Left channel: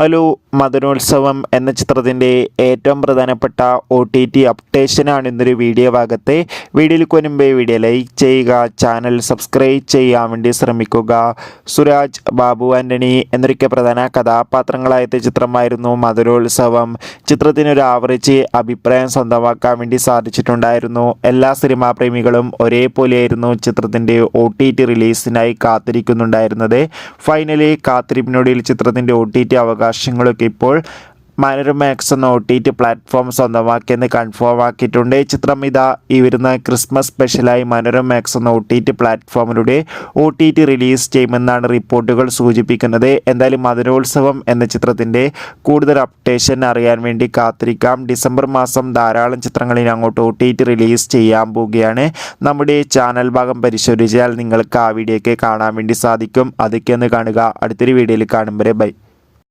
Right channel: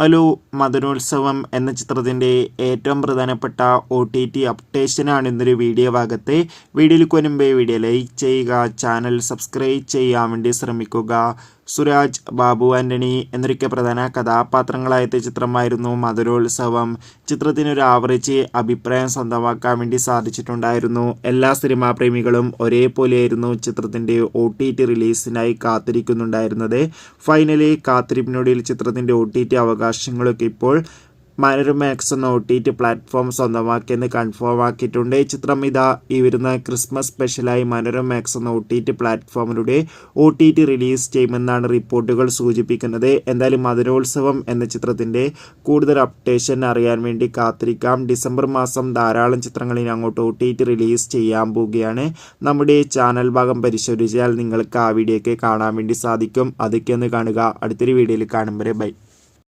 Hello, Madanolsavam എന്ന ചിത്രത്തിൻ്റെ ഏറ്റവും പ്രധാനപ്പെട്ട OTT അപ്ഡേഷനാണ് ഇന്നൊരു വീഡിയോ ഭാഗത്ത്. വീഡിയോയിലേക്ക് മുൻപേ വീഡിയോ ലൈക്ക് ചെയ്യുക, ചാനൽ സബ്സ്ക്രൈബ് ചെയ്യാൻ വേണ്ടി ശ്രമിക്കുക. സുരാജ്, ബാബു ആൻ്റണി എന്നൊക്കെ പ്രധാന കഥാപാത്രങ്ങളായ ചിത്രമായിരുന്നു മദനോത്സവം. ചിത്രത്തിനൊരു ആവറേജ് അഭിപ്രായം സ്വന്തമാക്കാൻ വേണ്ടി സാധിച്ചിട്ടുണ്ടായിരുന്നു. എല്ലാ സിനിമാ പ്രേമികളും ഒരേപോലെയായിരുന്നു ചിത്രത്തിൻ്റെ OTT റിലീസിനായി കാത്തിരിക്കുന്നുണ്ടായിരുന്നത്. ഫൈനലി കാത്തിരിപ്പിനൊടുവിൽ ചിത്രത്തിൻ്റെ OTT അവകാശങ്ങളൊക്കെ ഇപ്പോൾ മനോരമാക്സ് എന്ന OTT പ്ലാറ്റ്ഫോം സ്വന്തമാക്കിയെന്ന് കൺഫേം ആക്കിയിട്ടുണ്ട്. ചിത്രം ഇതാ ഈ വരുന്ന ക്രിസ്മസ് സ്പെഷ്യലായി മനോരമാക്സ് എന്ന OTT പ്ലാറ്റ്ഫോമിലൂടെ OTT റിലീസ് ചെയ്യുമെന്നാണ് റിപ്പോർട്ടുകൾ സൂചിപ്പിക്കുന്നത്. എന്തായാലും മദനോത്സവം എന്ന ചിത്രത്തിൻ്റെ കൂടുതൽ അപ്ഡേഷൻ അറിയാൻ വേണ്ടി കാത്തിരിക്കാം. ഡിസംബർ മാസം ധാരാളം ചിത്രങ്ങളിൽ അങ്ങോട്ട് OTT റിലീസ് ചെയ്യാൻ പോവുകയാണ്. നമ്മുടെ ചാനൽ ഭാഗം പരിശോധിച്ചാൽ നിങ്ങൾക്ക് ആ വീഡിയോ ഒക്കെ കാണാൻ വേണ്ടി സാധിക്കും. അതൊക്കെ ഒന്ന് കാണുക. അടുത്തൊരു വീഡിയോയിൽ കാണും വരെ ബൈ.